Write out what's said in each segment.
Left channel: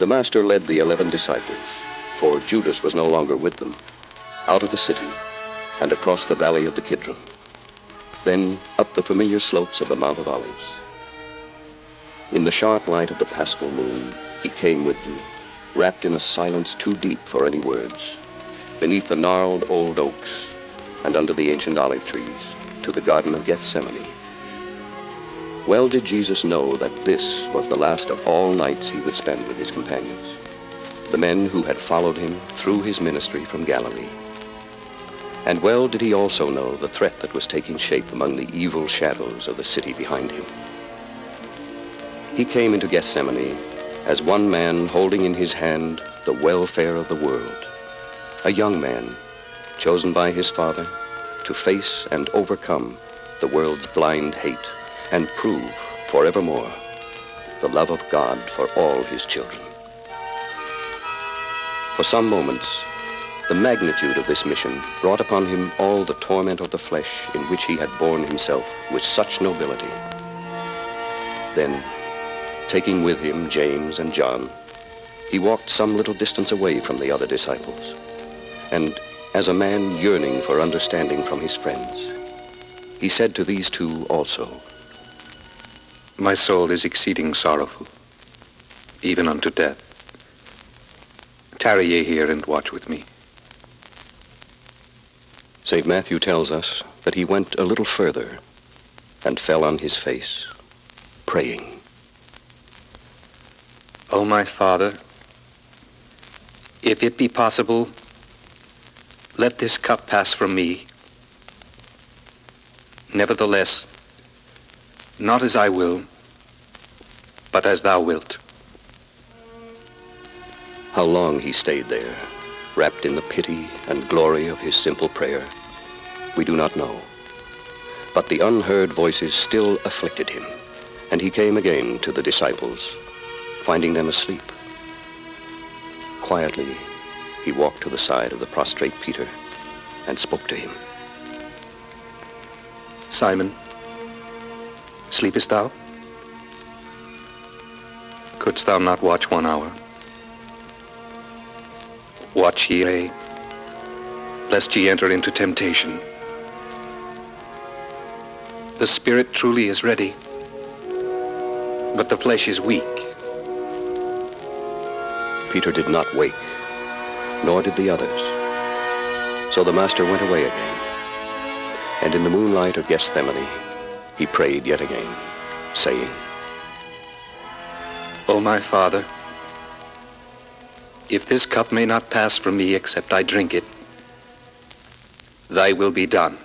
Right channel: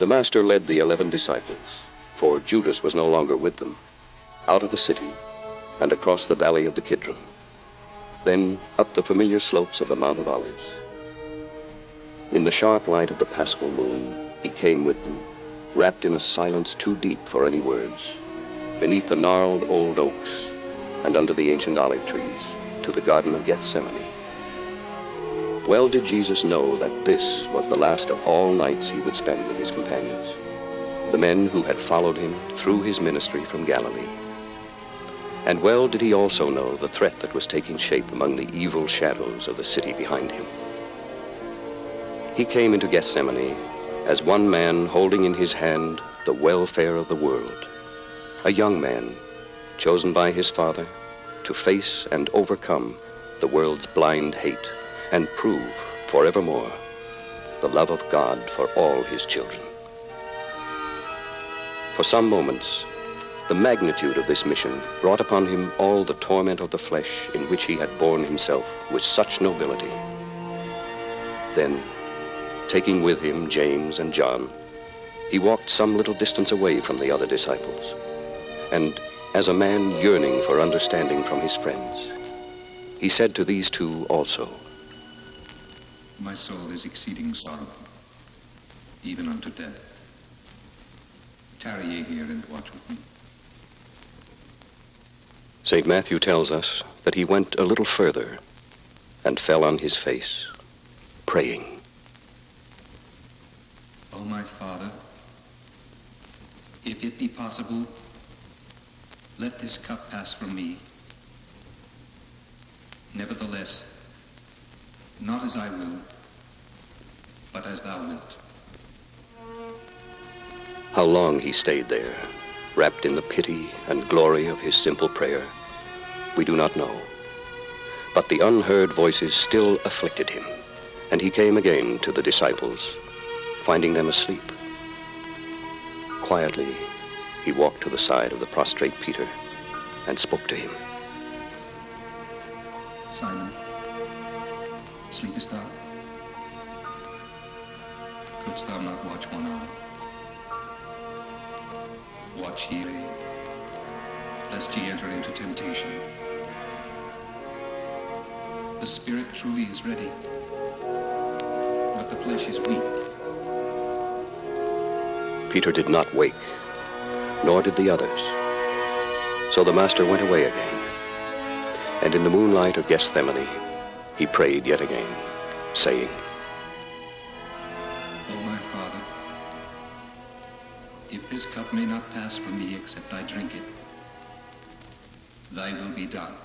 The Master led the 11 disciples, for Judas was no longer with them, out of the city and across the valley of the Kidron, then up the familiar slopes of the Mount of Olives. In the sharp light of the Paschal moon, he came with them, wrapped in a silence too deep for any words, beneath the gnarled old oaks and under the ancient olive trees, to the Garden of Gethsemane. Well did Jesus know that this was the last of all nights he would spend with his companions, the men who had followed him through his ministry from Galilee. And well did he also know the threat that was taking shape among the evil shadows of the city behind him. He came into Gethsemane as one man holding in his hand the welfare of the world, a young man chosen by his Father to face and overcome the world's blind hate and prove forevermore the love of God for all his children. For some moments, the magnitude of this mission brought upon him all the torment of the flesh in which he had borne himself with such nobility. Then, taking with him James and John, he walked some little distance away from the other disciples, and as a man yearning for understanding from his friends, he said to these two also, "My soul is exceeding sorrowful, even unto death. Tarry ye here and watch with me." St. Matthew tells us that he went a little further and fell on his face, praying. O my Father, if it be possible, let this cup pass from me. Nevertheless, not as I will, but as thou wilt. How long he stayed there, wrapped in the pity and glory of his simple prayer, we do not know. But the unheard voices still afflicted him, and he came again to the disciples, finding them asleep. Quietly, he walked to the side of the prostrate Peter and spoke to him. "Simon, sleepest thou? Couldst thou not watch 1 hour? Watch ye, lest ye enter into temptation. The spirit truly is ready, but the flesh is weak." Peter did not wake, nor did the others. So the Master went away again, and in the moonlight of Gethsemane, he prayed yet again, saying, "O my Father, if this cup may not pass from me except I drink it, thy will be done."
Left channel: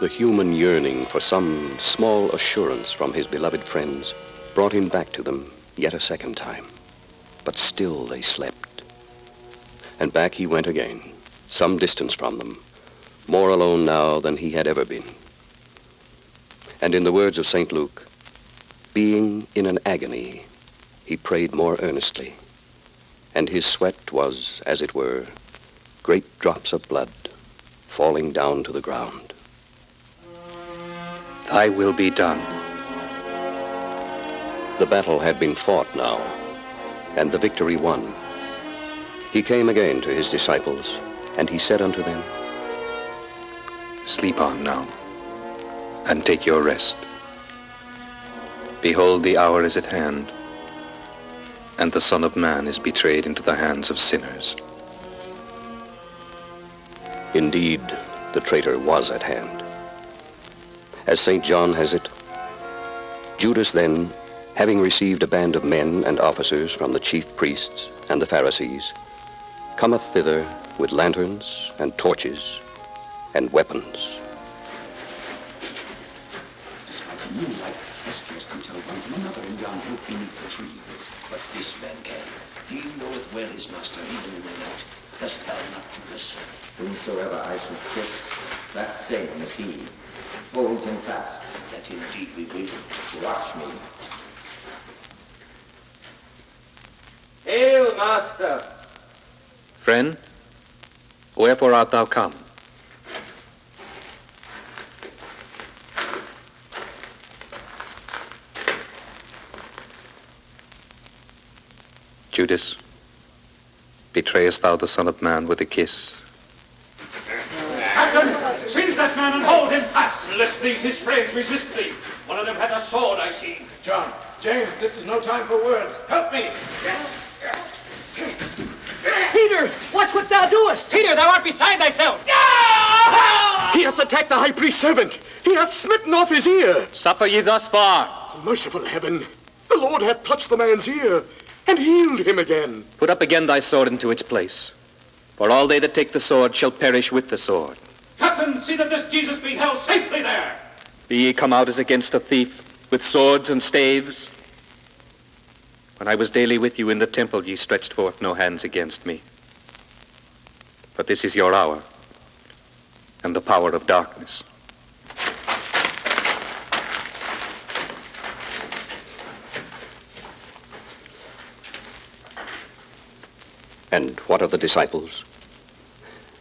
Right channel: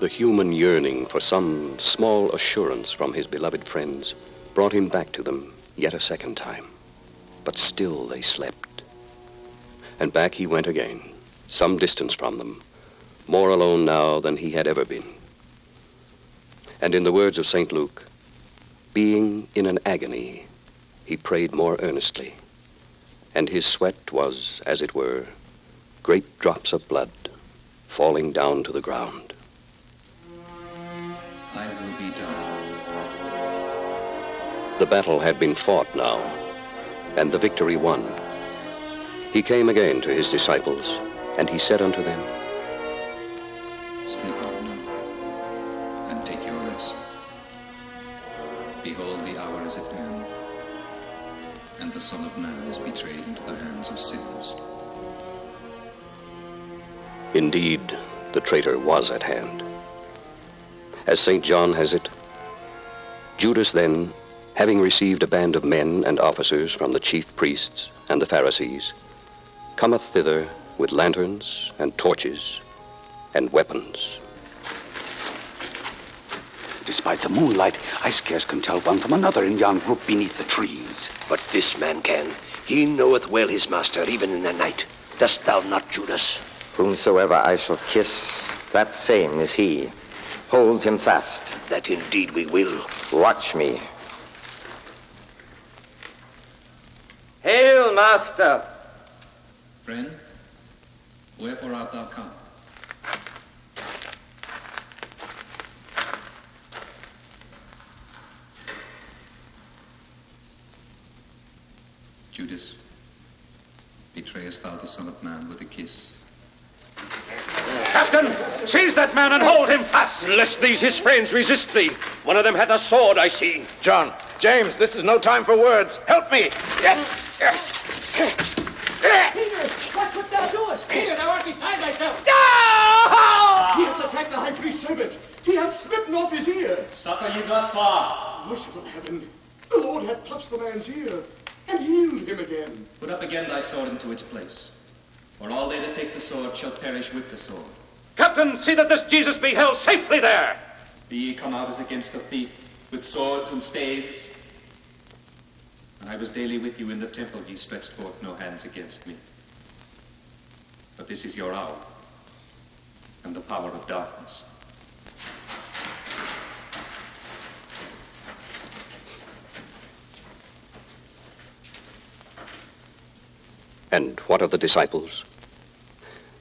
The human yearning for some small assurance from his beloved friends brought him back to them yet a second time. But still they slept. And back he went again, some distance from them, more alone now than he had ever been. And in the words of St. Luke, being in an agony, he prayed more earnestly, and his sweat was, as it were, great drops of blood falling down to the ground. Thy will be done. The battle had been fought now, and the victory won. He came again to his disciples, and he said unto them, Sleep on now, and take your rest. Behold, the hour is at hand, and the Son of Man is betrayed into the hands of sinners. Indeed, the traitor was at hand. As St. John has it, Judas then, having received a band of men and officers from the chief priests and the Pharisees, cometh thither with lanterns and torches and weapons. Despite the moonlight, I scarce can tell one from another in yon group beneath the trees. But this man can. He knoweth well his master, even in the night. Dost thou not, Judas? Whomsoever I shall kiss, that same is he. Hold him fast. That indeed we will. Watch me. Hail, master! Friend, Wherefore art thou come? Judas, betrayest thou the Son of Man with a kiss? Captain, seize that man and hold him fast. Lest these his friends resist thee. One of them hath a sword, I see. John, James, this is no time for words. Help me. Peter, watch what thou doest. Peter, thou art beside thyself. He hath attacked the high priest's servant. He hath smitten off his ear. Suffer ye thus far. Merciful heaven, the Lord hath touched the man's ear and healed him again. Put up again thy sword into its place. For all they that take the sword shall perish with the sword. Captain, see that this Jesus be held safely there. Be ye come out as against a thief, with swords and staves? When I was daily with you in the temple, ye stretched forth no hands against me. But this is your hour, and the power of darkness. And what of the disciples?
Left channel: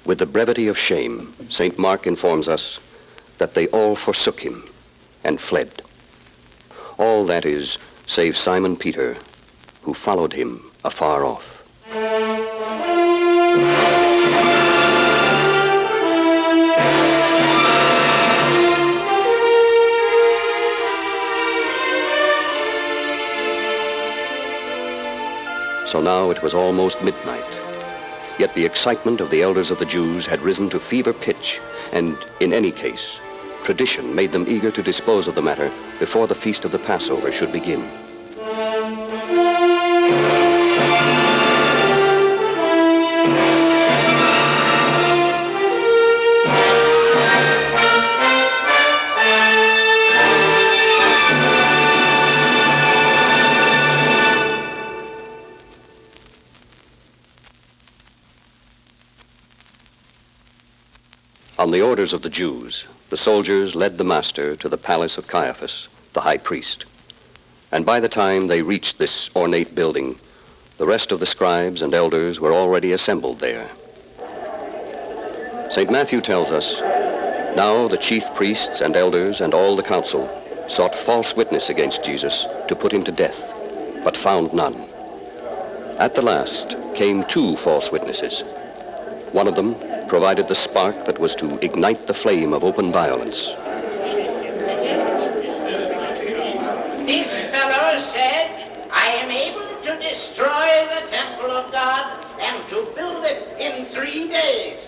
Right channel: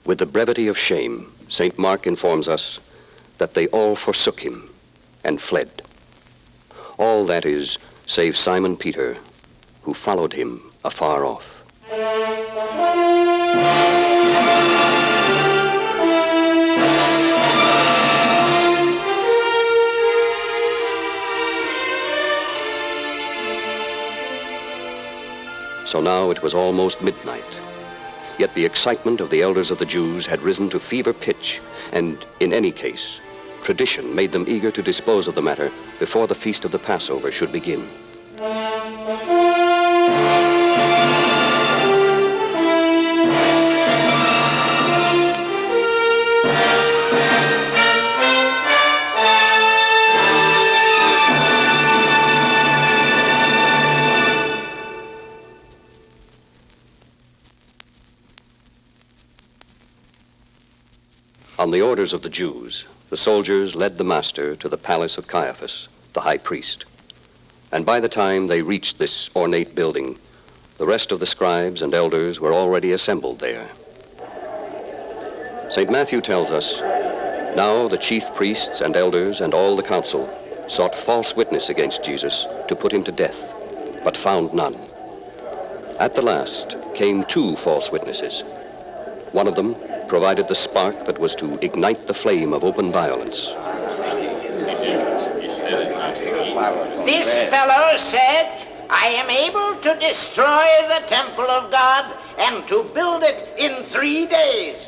With the brevity of shame, St. Mark informs us that they all forsook him and fled. All, that is, save Simon Peter, who followed him afar off. So now it was almost midnight. Yet the excitement of the elders of the Jews had risen to fever pitch, and in any case, tradition made them eager to dispose of the matter before the feast of the Passover should begin. On the orders of the Jews, the soldiers led the master to the palace of Caiaphas, the high priest. And by the time they reached this ornate building, the rest of the scribes and elders were already assembled there. St. Matthew tells us, now the chief priests and elders and all the council sought false witness against Jesus to put him to death, but found none. At the last came 2 false witnesses. One of them provided the spark that was to ignite the flame of open violence. This fellow said, I am able to destroy the temple of God and to build it in 3 days.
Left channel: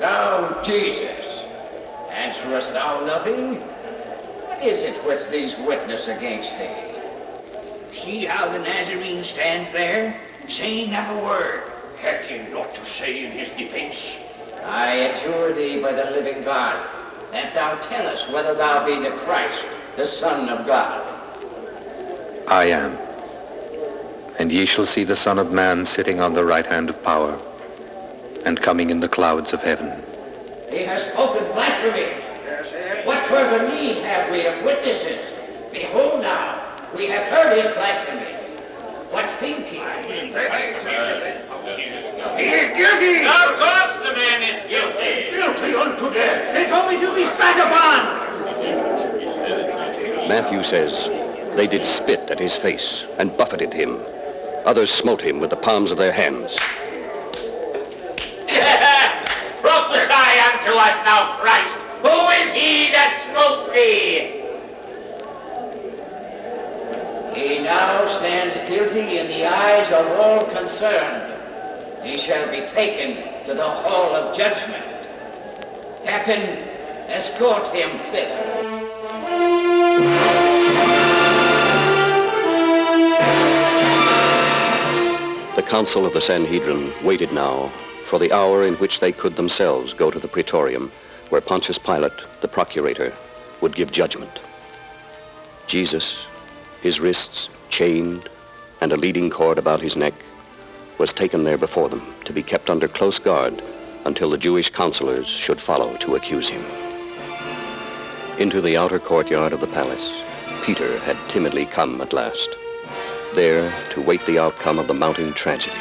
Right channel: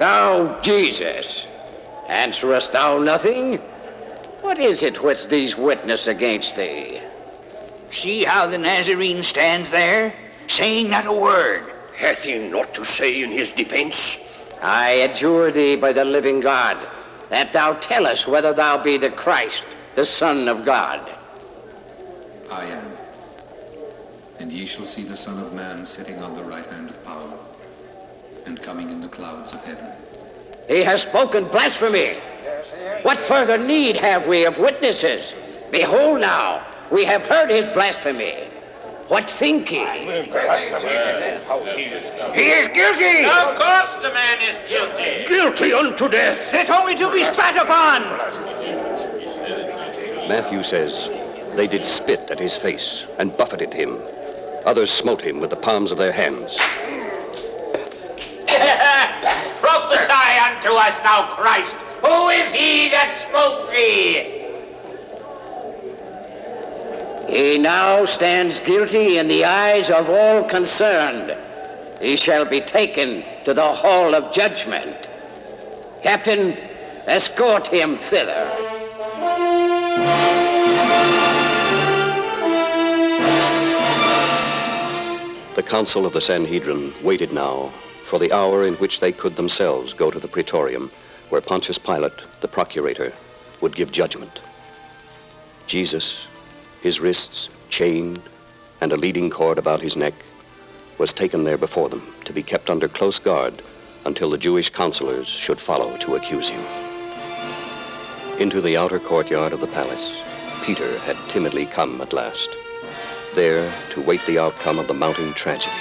Thou, Jesus, answerest thou nothing? What is it which these witness against thee? See how the Nazarene stands there, saying not a word. Hath he naught to say in his defense? I adjure thee by the living God, that thou tell us whether thou be the Christ, the Son of God. I am. And ye shall see the Son of Man sitting on the right hand of power, and coming in the clouds of heaven. He has spoken blasphemy. What further need have we of witnesses? Behold now, we have heard his blasphemy. What think ye? He is guilty! Of course the man is guilty! Guilty unto death! They told me to be spat upon! Matthew says, they did spit at his face and buffeted him. Others smote him with the palms of their hands. Prophesy unto us, thou Christ! Who is he that smote thee? He now stands guilty in the eyes of all concerned. He shall be taken to the hall of judgment. Captain, escort him thither. The council of the Sanhedrin waited now for the hour in which they could themselves go to the praetorium, where Pontius Pilate, the procurator, would give judgment. Jesus, his wrists chained and a leading cord about his neck, was taken there before them to be kept under close guard until the Jewish counselors should follow to accuse him. Into the outer courtyard of the palace, Peter had timidly come at last, there to wait the outcome of the mounting tragedy.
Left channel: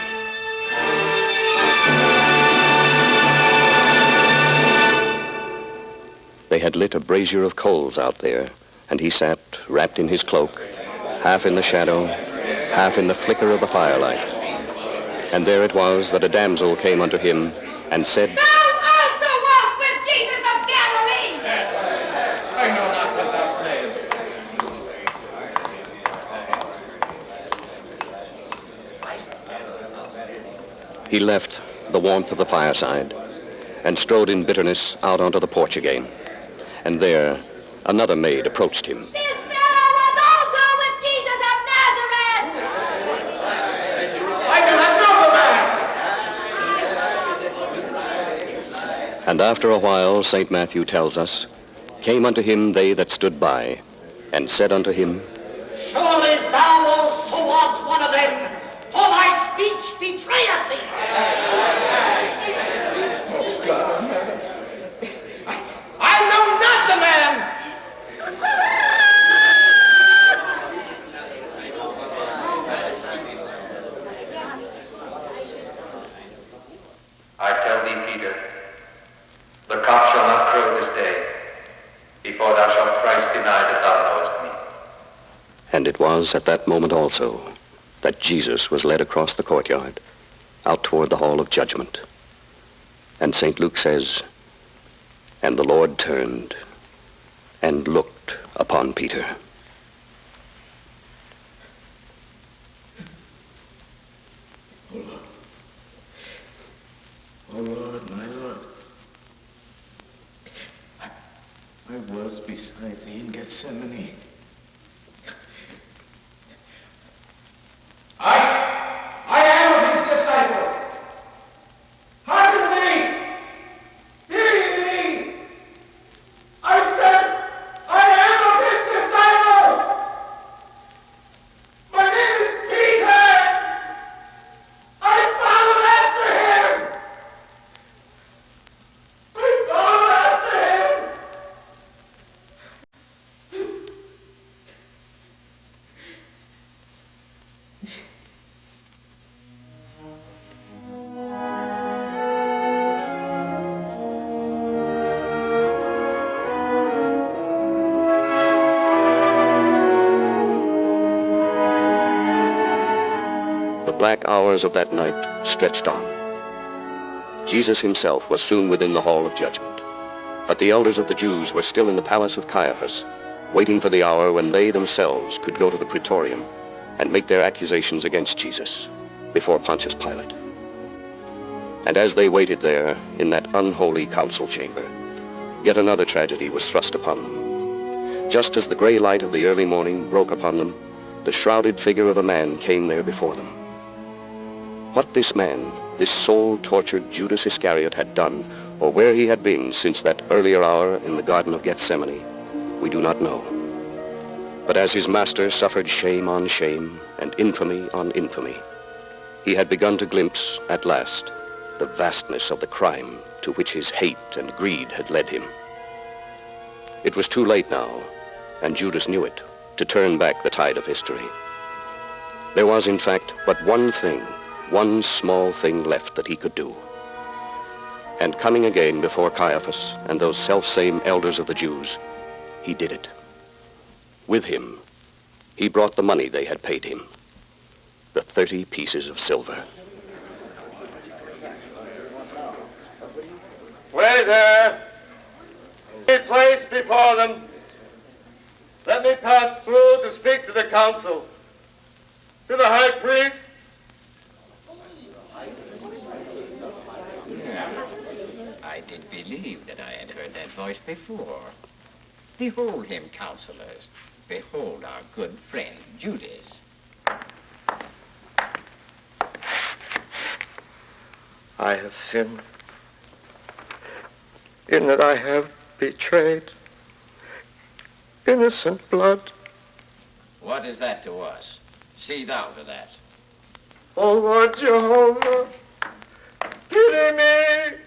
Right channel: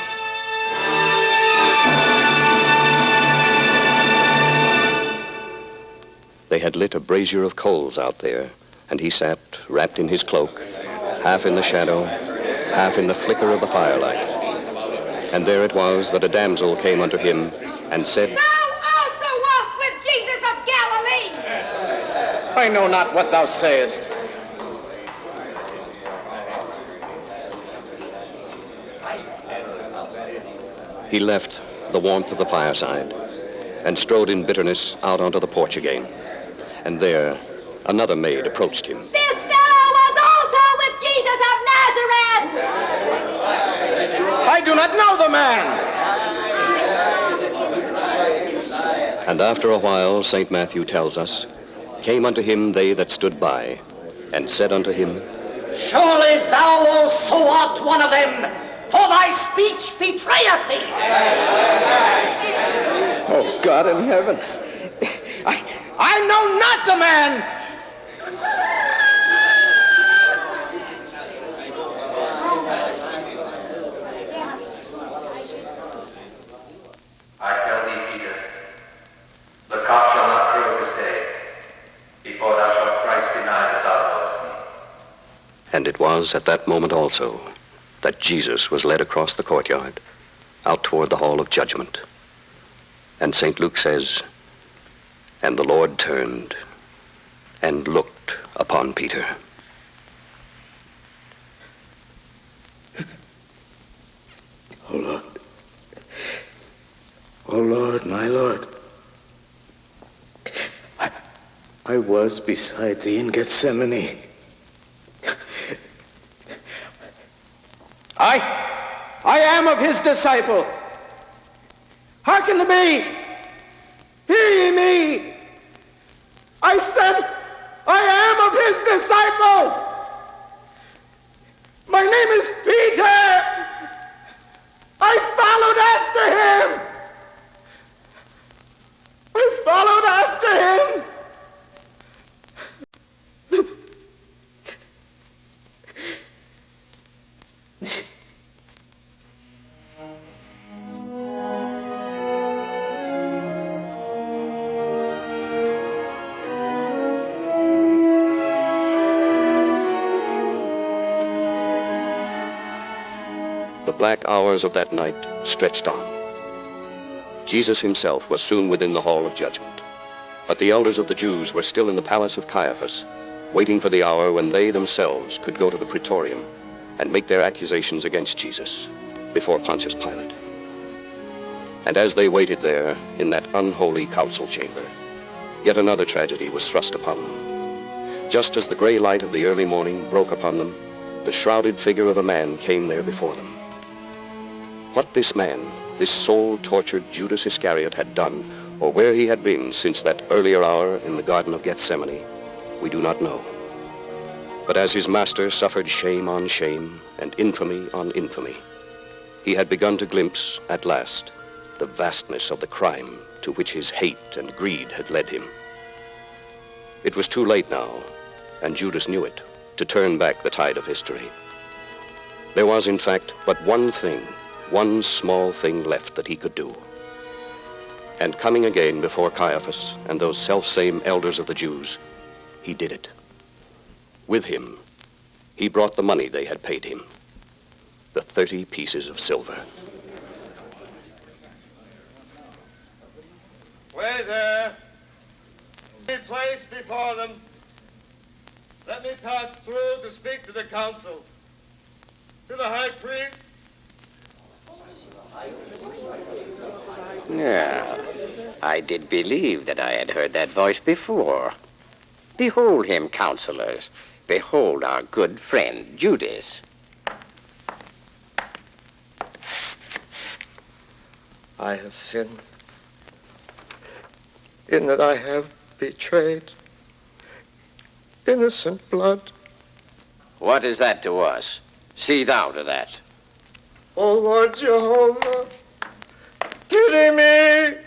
had lit a brazier of coals out there, and he sat, wrapped in his cloak, half in the shadow, half in the flicker of the firelight. And there it was that a damsel came unto him and said, Thou also wast with Jesus of Galilee. I know not what thou sayest. He left the warmth of the fireside and strode in bitterness out onto the porch again. And there, another maid approached him. This fellow was also with Jesus of Nazareth. I do not know the man. And after a while, St. Matthew tells us, came unto him they that stood by, and said unto him, Surely thou also art one of them, for thy speech betrayeth thee. Oh, God in heaven. I know not the man. I tell thee, Peter, the cock shall not crow this day, before thou shalt thrice deny that thou knowest me. And it was at that moment also that Jesus was led across the courtyard, out toward the hall of judgment. And St. Luke says, and the Lord turned and looked upon Peter. Oh, Lord. Oh, Lord, my Lord. I was beside thee in Gethsemane. I am of his disciples. Hearken to me. Hear ye me. I said, I am of his disciples. My name is Peter. I followed after him. I followed after him. The black hours of that night stretched on. Jesus himself was soon within the hall of judgment. But the elders of the Jews were still in the palace of Caiaphas, waiting for the hour when they themselves could go to the praetorium and make their accusations against Jesus before Pontius Pilate. And as they waited there in that unholy council chamber, yet another tragedy was thrust upon them. Just as the gray light of the early morning broke upon them, the shrouded figure of a man came there before them. What this man, this soul-tortured Judas Iscariot, had done, or where he had been since that earlier hour in the Garden of Gethsemane, we do not know. But as his master suffered shame on shame and infamy on infamy, he had begun to glimpse, at last, the vastness of the crime to which his hate and greed had led him. It was too late now, and Judas knew it, to turn back the tide of history. There was, in fact, but one thing, one small thing left that he could do. And coming again before Caiaphas and those selfsame elders of the Jews, he did it. With him, he brought the money they had paid him, the 30 pieces of silver. Wait there. Be placed before them. Let me pass through to speak to the council. To the high priest. Yeah, I did believe that I had heard that voice before. Behold him, counselors. Behold our good friend, Judas. I have sinned in that I have betrayed innocent blood. What is that to us? See thou to that. O Lord Jehovah, pity me.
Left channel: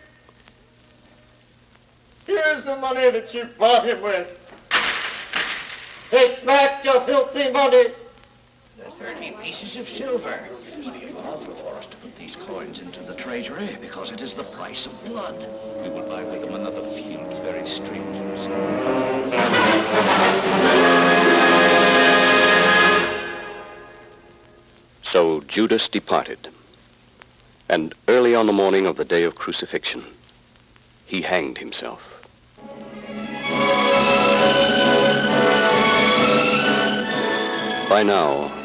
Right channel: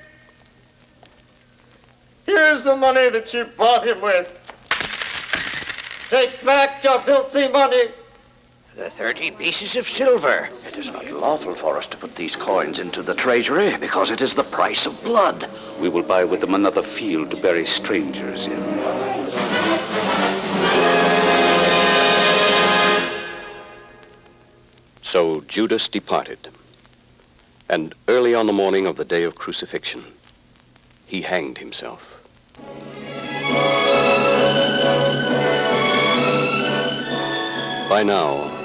Here's the money that you bought him with. Take back your filthy money The 30 pieces of silver. It is not lawful for us to put these coins into the treasury because it is the price of blood. We will buy with them another field to bury strangers in. So Judas departed, and early on the morning of the day of crucifixion, he hanged himself. By now,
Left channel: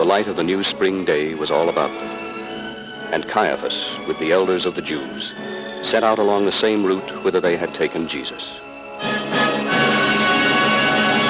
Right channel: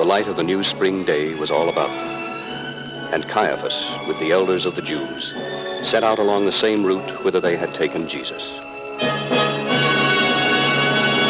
the light of the new spring day was all about them, and Caiaphas, with the elders of the Jews, set out along the same route whither they had taken Jesus.